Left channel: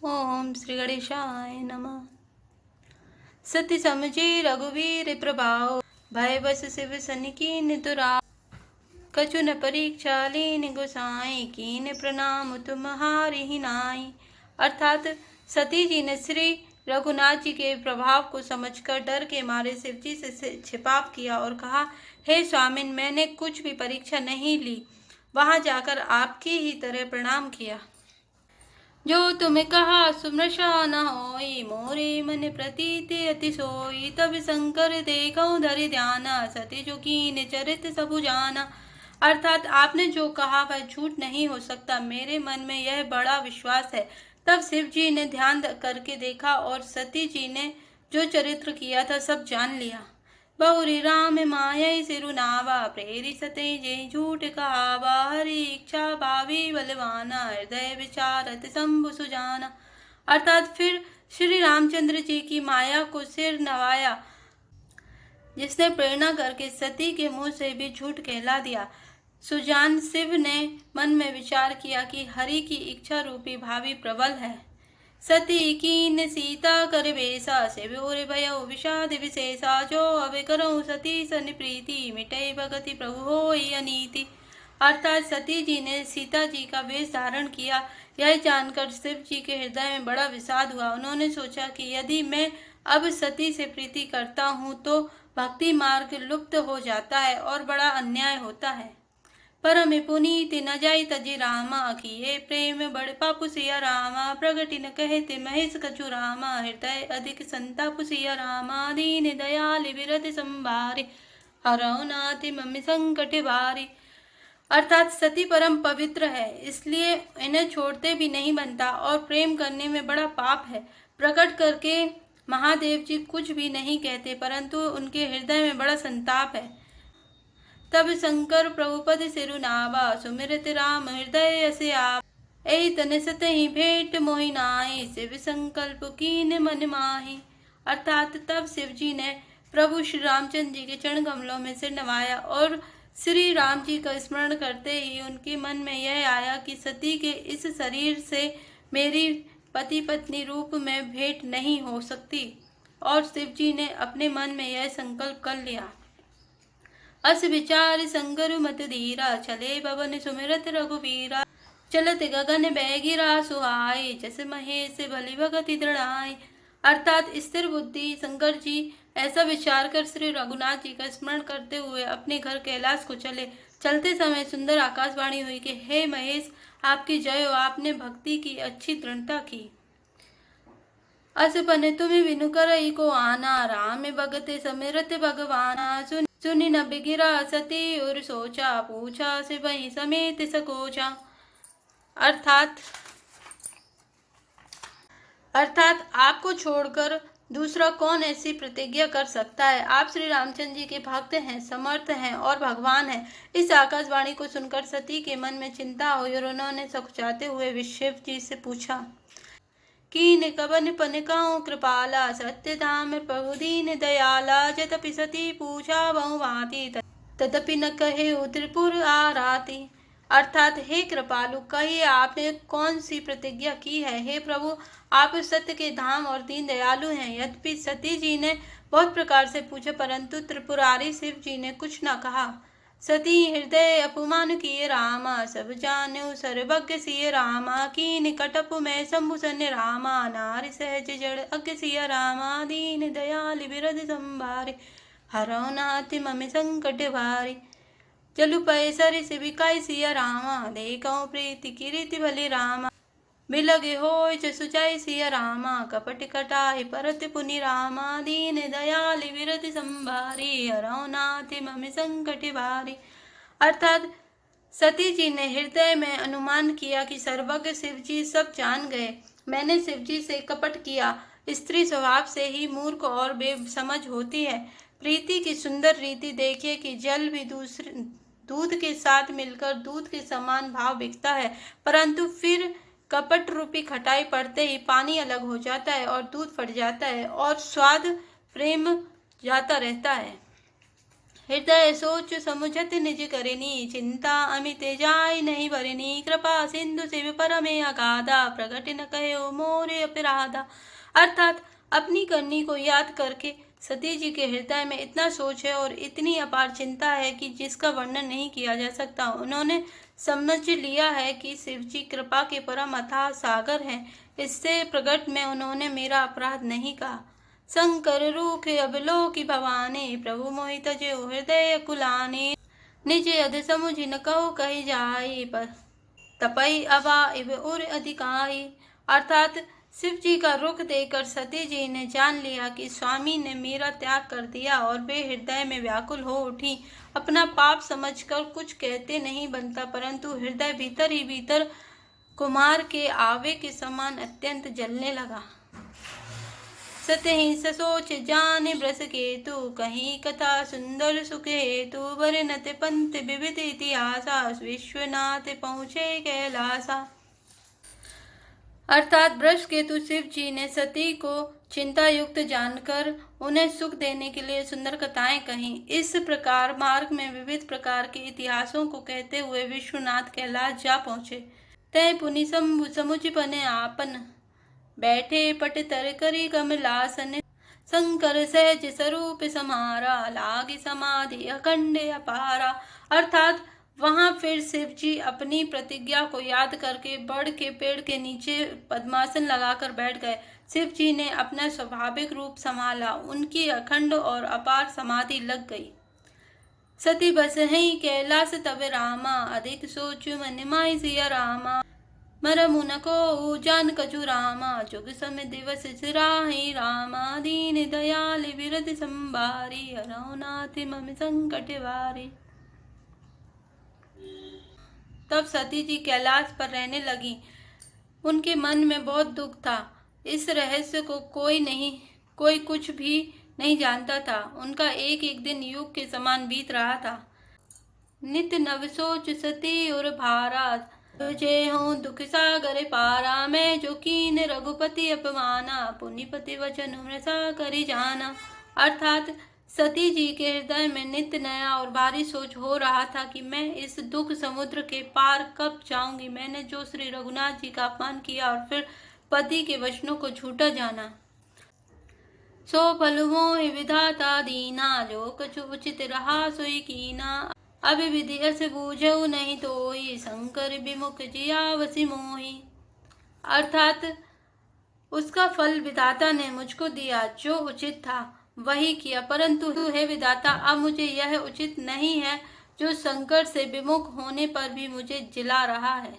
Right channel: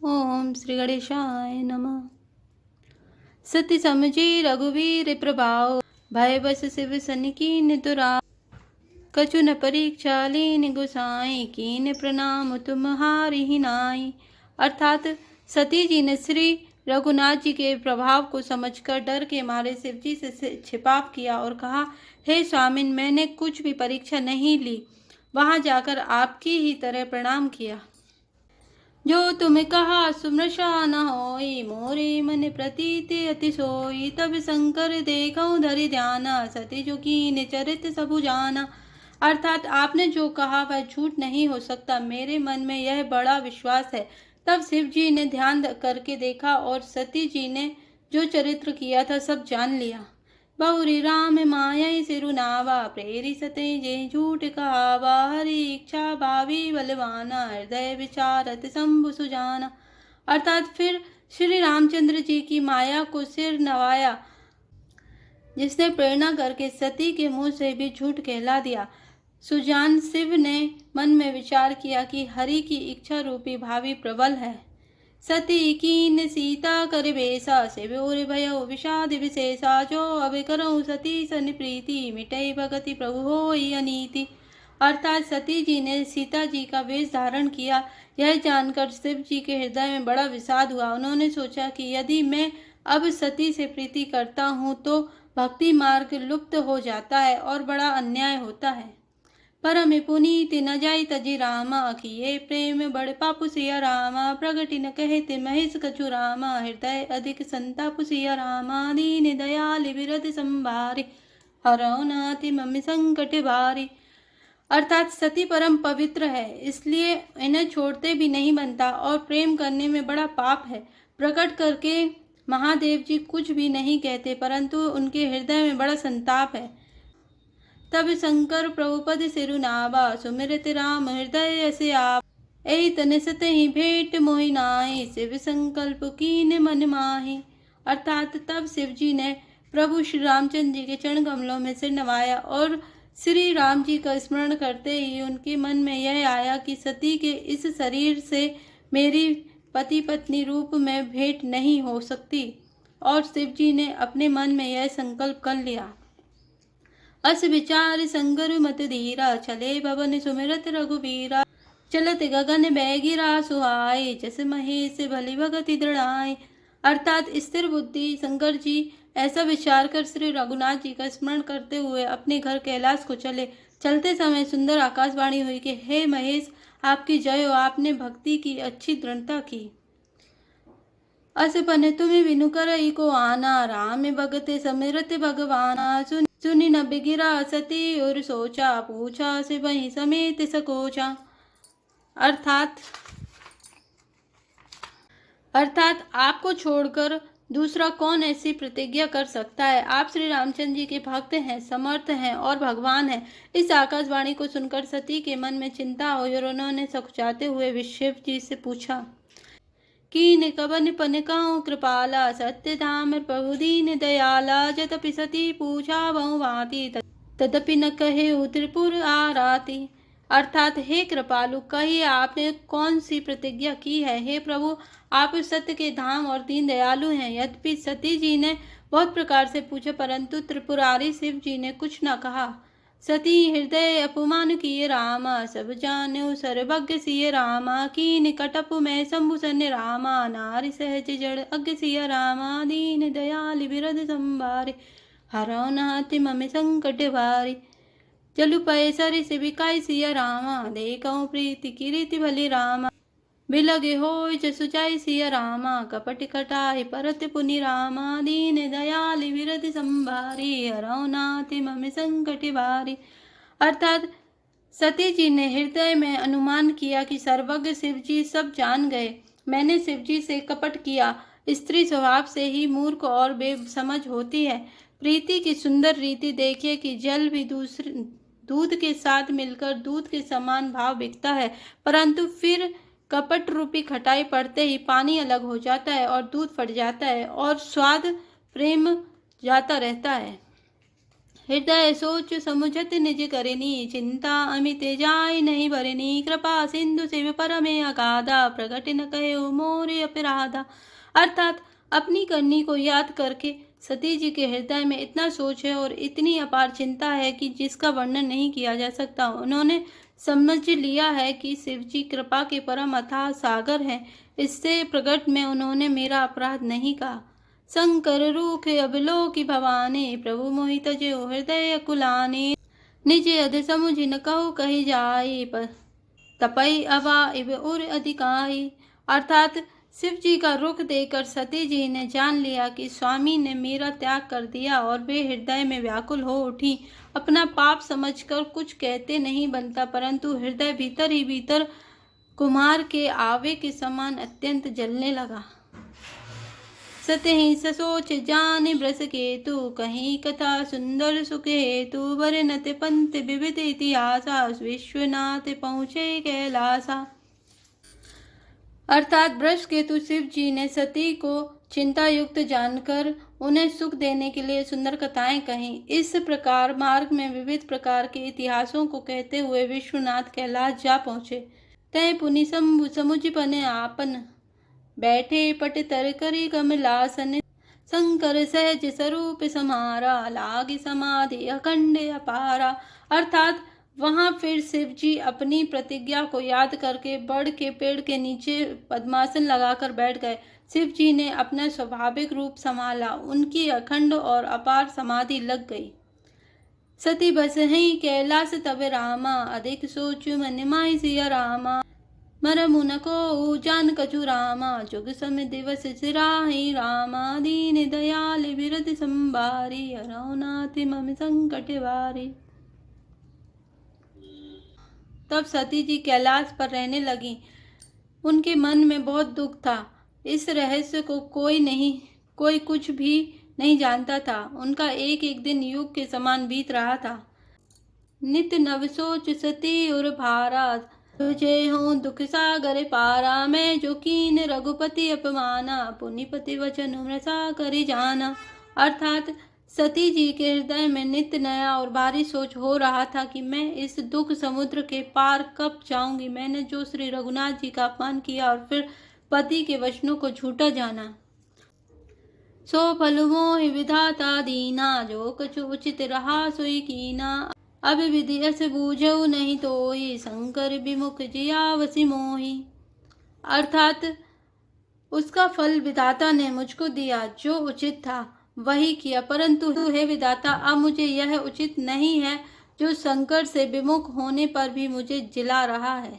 ओम श्री गणेशाय नमः। सत्य समझे रघुवीर प्रभाव, भय बस शिव सन कीन दुराव। कछु न परीक्षा लीन गोसाई, कीन प्रणाम तुम्हारी ही नाई। अर्थात सती जी ने श्री रघुनाथ जी के प्रभाव को समझकर डर के मारे शिव जी से छिपाव किया और कहा, हे स्वामिन, मैंने कुछ भी परीक्षा नहीं ली, वहां जाकर आपकी ही तरह प्रणाम किया। जो तुम्हें कहा सुमृषा न होई, मोरे मन प्रतीति अति सोई। तब शंकर देखो धरि ध्याना, सती जो कीन चरित सबु जाना। अर्थात आपने जो कहा वह झूठ नहीं हो सकता, मेरे मन में यह बड़ा विश्वास है। तब शिव जी ने ध्यान करके देखा और सती जी ने जो चरित्र किया था सब जान लिया। बहुरी राम माया सिरुनावा, प्रेरी सते जे झूठ कहावा। हरि इच्छा भावी बलवाना, हृदय विचारत शंभु सुजाना। अर्थात फिर श्री रामचंद्र जी की माया को सिर नवाया, जिसने प्रेरणा करके सती के मुंह से भी झूठ कहला दिया। सुजान शिव ने मन में विचार किया कि हरि की इच्छा रूपी भावी प्रबल है। सती कीन सीता कर बेसा, शिवोर भयो विषाद विशेषा। जो अब करो सती सन प्रीति, मिटे भगति प्रभु होई अनीति। अर्थात सती जी ने सीता जी का वेश धारण किया। यह जानकर शिव जी के हृदय में बड़ा विषाद हुआ। उन्होंने सोचा कि यदि मैं अब सती से प्रीति करता हूँ तो भक्ति मार्ग लुप्त हो जाता है और बड़ा अन्याय होता है। परम पुनीति न जाई तजी रामा, किए प्रेम बड़ पापु सिया रामा। प्रगति न कहते महेश कछु रामा, हृदय अधिक संताप सिया रामा। दीन दयाल विरध संभारे, हरौ नाति मम्मी संकट भारी। अर्थात सती परम पवित्र है, इसलिए इन्हें छोड़ते भी नहीं बनता और प्रेम करने में बड़ा पाप है। प्रकट करके महादेव जी कुछ भी नहीं कहते, परंतु उनके हृदय में बड़ा संताप है। तब शंकर प्रभुपद सिरुनावा, सुमिरत राम हृदय से आप। एहि तन सत ही भेंट मोहि नाहि, शिव संकल्प कीन मन माहि। अर्थात तब शिव जी ने प्रभु श्री रामचंद्र जी के चरण कमलों में सिर नवाया और श्री राम जी का स्मरण करते ही उनके मन में यह आया कि सती के इस शरीर से मेरी पति पत्नी रूप में भेंट नहीं हो सकती, और शिव जी ने अपने मन में यह संकल्प कर लिया। अस विचार संगर मत धीरा, चले भवन सुमिरत रघुवीरा। चलत गगन बैगिरा सुहाई, जस महेश भली भगति दृढ़ाई। अर्थात स्थिर बुद्धि शंकर जी ऐसा विचार कर श्री रघुनाथ जी का स्मरण करते हुए अपने घर कैलाश को चले। चलते समय सुंदर आकाशवाणी हुई कि हे महेश, आपकी जय हो, आपने भक्ति की अच्छी दृढ़ता की। अस पन तुम बिनु करई को आना, राम भगते समिरत भगवाना। सुनि न बिगिरा सती और सोचा, पूछा से वही समेत सकोचा। अर्थात आपको छोड़कर दूसरा कौन ऐसी प्रतिज्ञा कर सकता है। आप श्री रामचंद्र जी के भक्त हैं, समर्थ हैं और भगवान हैं। इस आकाशवाणी को सुनकर सती के मन में चिंता हुई और उन्होंने सकुचाते हुए शिव जी से पूछा, कीन कवन पनकाऊ कृपाला, सत्य धाम प्रभु दीन दयाला। जतपि सती पूछा बहु भांति, तदपि न कहे त्रिपुर आराती। अर्थात हे कृपालु, कहिए आपने कौन सी प्रतिज्ञा की है। हे प्रभु, आप सत्य के धाम और दीन दयालु हैं। यद्यपि सती जी ने बहुत प्रकार से पूछा, परंतु त्रिपुरारी शिव जी ने कुछ न कहा। सती हृदय अपमान किए रामा, सब जानु सर्वज्ञ सिय रामा। कीन कटप में शंभु सन्य रामा, नारी सहज जड़ अज्ञ सिय रामा। दीन दयाल बिरध संभारे, हरौ नाथ मम संकट भारी। जलु पय सरि सिबिकाई सिय रामा, देखौ प्रीति कीर्ति भली रामा। बिलगे होय जसु जाय सिय रामा, कपट कटाय परत पुनि रामा। दीन दयाल विरति संभारी, हरौ नाथ मम संकट भारी। अर्थात सती जी ने हृदय में अनुमान किया कि सर्वज्ञ शिव जी सब जान गए। मैंने शिव जी से कपट किया। स्त्री स्वभाव से ही मूर्ख और बेसमझ होती है। प्रीति की सुंदर रीति देखिए कि जल भी दूध के साथ मिलकर दूध के समान भाव बिकता है, परंतु फिर कपट रूपी खटाई पड़ते ही पानी अलग हो जाता है और दूध फट जाता है और स्वाद प्रेम जाता रहता है। हृदय सोच समुझत निज करनी, चिंता अमित जाय नहीं भरनी, कृपा सिंधु शिव परमे अगाधा, प्रगट न कहो मोरे अपराधा। अर्थात अपनी करनी को याद करके सती जी के हृदय में इतना सोच है और इतनी अपार चिंता है कि जिसका वर्णन नहीं किया जा सकता। उन्होंने समझ लिया है कि शिव जी कृपा के परम अथाह सागर हैं। इससे प्रकट में उन्होंने मेरा अपराध नहीं कहा। शंकर रूख अबलोकि भवानी, प्रभु मोहित जो हृदय कुलानी, निज अध समुझ न कहो कही जाई, तपई अबा इव उर अधिकाई। अर्थात शिव जी का रुख देखकर सती जी ने जान लिया कि स्वामी ने मेरा त्याग कर दिया और वे हृदय में व्याकुल हो उठी। अपना पाप समझकर कुछ कहते नहीं बनता, परंतु हृदय भीतर ही भीतर कुमार के आवे के समान अत्यंत जलने लगा। सतहि ससोच जान ब्रस केतु, कहीं कथा सुंदर सुख हेतु, वर्णत पंथ विविध इतिहासा, विश्वनाथ पहुँचे कैलासा। अर्थात ब्रश केतु शिव जी ने सती को चिंता युक्त जानकर उन्हें सुख देने के लिए सुंदर कथाएं कहीं। इस प्रकार मार्ग में विविध प्रकार के इतिहासों को कहते हुए विश्वनाथ कैलाश जा पहुँचे। तय पुनि समुझ पने आपन, बैठे पट तर करी कमलासन, शंकर सहज स्वरूप समारा, लागी समाधि अखंड अपारा। अर्थात वहां फिर शिव जी अपनी प्रतिज्ञा को याद करके बड़ के पेड़ के नीचे पद्मासन लगाकर बैठ गए। शिव जी ने अपना स्वाभाविक रूप संभाला, उनकी अखंड और अपार समाधि लग गई। सती बस ही कैलाश तब रामा, अधिक सोचु मन माई सिया रामा, मरमु न को जान कछु रामा, जुग समय दिवस सिराही रामा, दीन दयाल विरद संबारी, अरौनाथ मम संकट वारी। तब सती जी कैलाश पर रहने लगी। उनके मन में बहुत दुख था। इस रहस्य को कोई कुछ भी नहीं जानता था। उनका एक एक दिन युग के समान बीत रहा था। नित नव सोच सती उर भारा, तुझे हूँ दुख सागर पारा, मैं जो कीन रघुपति अपमाना, पुनिपति वचन मृषा करी जाना। अर्थात सती जी के हृदय में नित्य नया और भारी सोच हो रहा था कि मैं इस दुख समुद्र के पार कब जाऊंगी। मैंने जो श्री रघुनाथ जी का अपमान किया और फिर पति के वचनों को झूठा जाना, सो फल मोहि विधाता दीना, जो कछु उचित रहा सोई कीना, अब विधि अस बूझऊ नहीं तोई, शंकर विमुख जिया वसी मोही। अर्थात उसका फल विधाता ने मुझको दिया, जो उचित था वही किया, परंतु हे विधाता अब मुझे यह उचित नहीं है जो शंकर से विमुख होने पर भी मुझे जिला रहा है।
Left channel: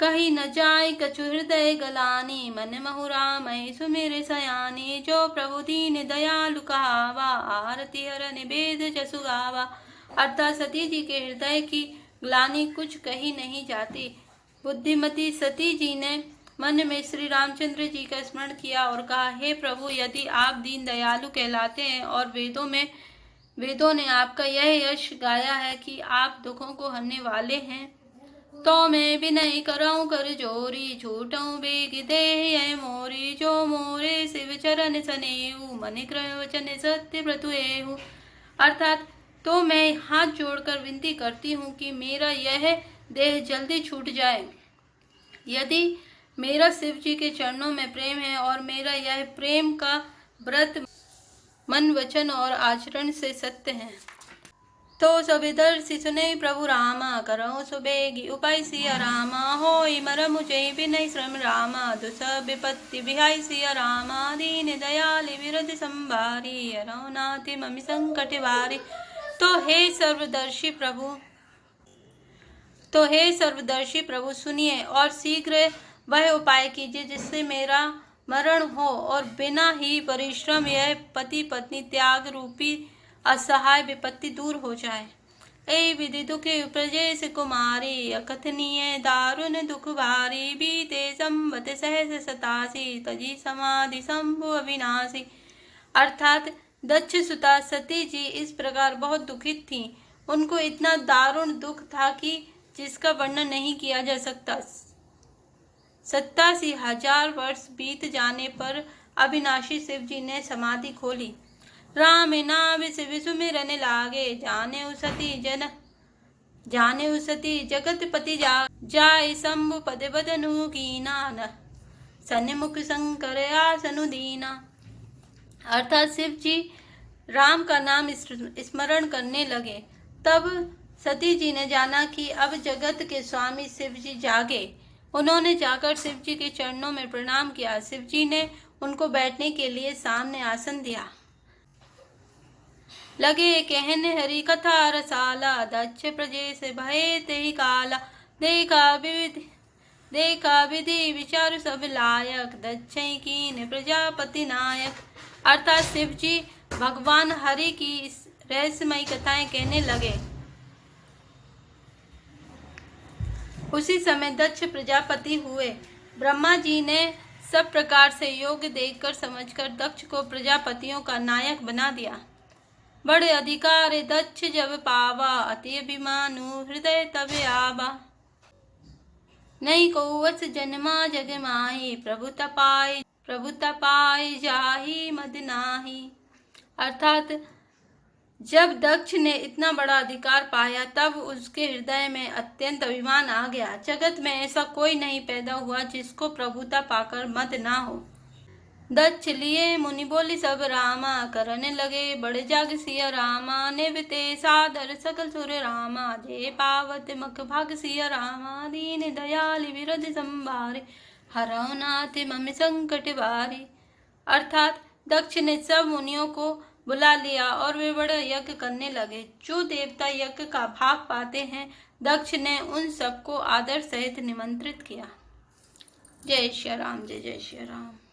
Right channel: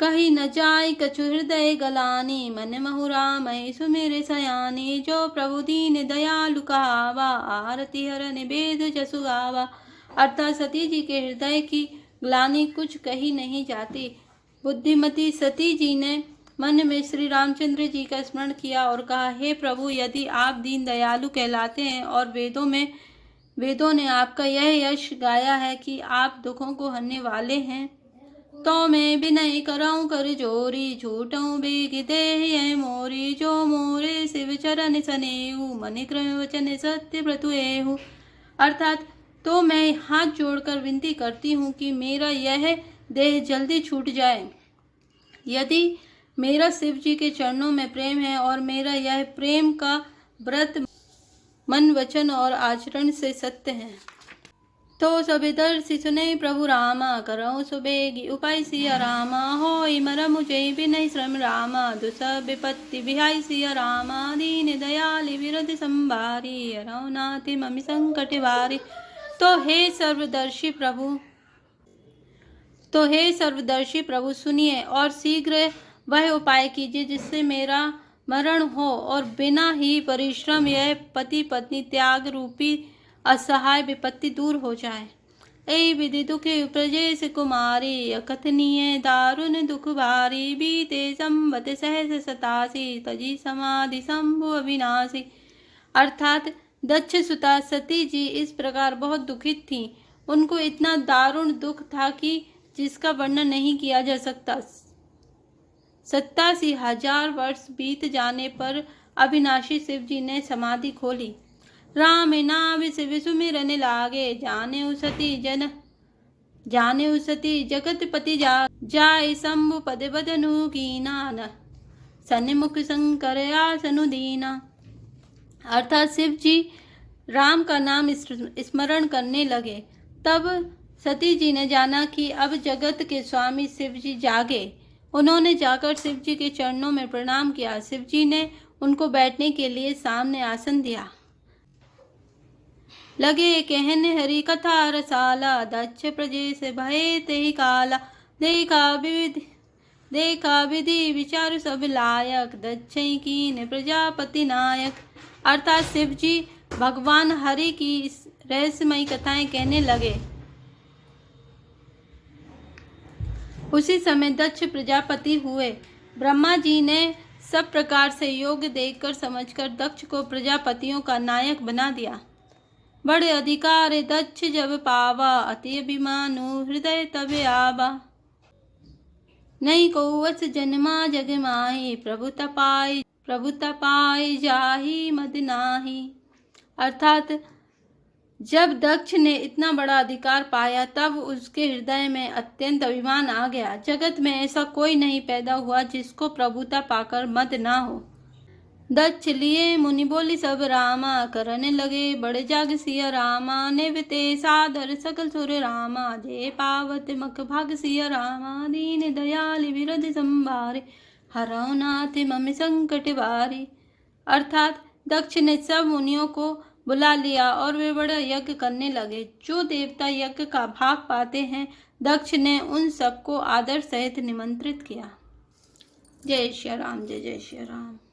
कहीं न जाय कछु हृदय गलानी, मन महु राम सुमेरे सयानी, जो प्रभु दीन दयालु कहावा, आरती हर निवेद जसु गावा। अर्थात सती जी के हृदय की ग्लानि कुछ कही नहीं जाती। बुद्धिमती सती जी ने मन में श्री रामचंद्र जी का स्मरण किया और कहा, हे प्रभु, यदि आप दीन दयालु कहलाते हैं और वेदों ने आपका यह यश गाया है कि आप दुखों को हरने वाले हैं, तो मैं विनय कराऊं कर जोरी, झूठों बेग दे मोरी, जो मोरे शिव चरण सनेहु, मन क्रय वचन सत्य व्रतु। अर्थात तो मैं हाथ जोड़कर विनती करती हूँ कि मेरा यह देह जल्दी छूट जाए। यदि मेरा शिव जी के चरणों में प्रेम है और मेरा यह प्रेम का व्रत मन वचन और आचरण से सत्य है, तो सबिदर्शि सुने प्रभु रामा, करो सुबेगी उपाय सिया रामा, होई मरम मुझे बिनय श्रम रामा, दुसह विपत्ति विहाय सिया रामा, दीन दयाल विरध संभारी, अरौनाथ ममि संकट वारी। तो हे सर्वदर्शी प्रभु सुनिए और शीघ्र वह उपाय कीजिए जिससे मेरा मरण हो और बिना ही परिश्रम यह पति पत्नी त्याग रूपी असहाय विपत्ति दूर हो जाए। ए विधि दुखे प्रजेश कुमारी, अकथनीय दारुण दुख भारी, बीते संवत सहस सतासी, तजी समाधि शंभु अविनाशी। अर्थात दक्ष सुता सती जी इस प्रकार बहुत दुखित थी। उनको इतना दारुण दुख था कि जिसका वर्णन नहीं किया जा सकता। 87,000 वर्ष बीत जाने पर अविनाशी शिव जी ने समाधि खोली। राम नाम शिव सुमिरन लागे, जाने उसती जगतपति जाय शंभु पद बदनु कीना, सन्मुख शंकर आसनु दीना। अर्थात शिव जी राम का नाम स्मरण करने लगे। तब सती जी ने जाना कि अब जगत के स्वामी शिव जी जागे। उन्होंने जाकर शिव जी के चरणों में प्रणाम किया। शिव जी ने उनको बैठने के लिए सामने आसन दिया। लगे कहने हरि कथा रसाला, दक्ष प्रजेश भये तेहि काला, देखा विधि विचार सब लायक, दक्ष कीन प्रजापति नायक। अर्थात शिव जी भगवान हरि की रहस्यमयी कथाएं कहने लगे। उसी समय दक्ष प्रजापति हुए। ब्रह्मा जी ने सब प्रकार से योग्य देखकर समझकर दक्ष को प्रजापतियों का नायक बना दिया। बड़े अधिकार दक्ष जब पावा, अति अभिमानु हृदय तब आवा। नहीं को वत्स जन्मा जग माही, प्रभु तपाय जाहि मद नाही। अर्थात जब दक्ष ने इतना बड़ा अधिकार पाया तब उसके हृदय में अत्यंत अभिमान आ गया। जगत में ऐसा कोई नहीं पैदा हुआ जिसको प्रभुता पाकर मद ना हो। दक्ष लिए मुनि बोली सब रामा, करने लगे बड़े जाग सिया रामा, निवते सादर सकल सुर रामा, जे पावत मख भाग सिया रामा, दीन दयाल विरध संभारे, हरौ नाथ मम संकट बारे। अर्थात दक्ष ने सब मुनियों को बुला लिया और वे बड़ा यज्ञ करने लगे। जो देवता यज्ञ का भाग पाते हैं, दक्ष ने उन सबको आदर सहित निमंत्रित किया। जय श्री राम, जय जय श्री राम।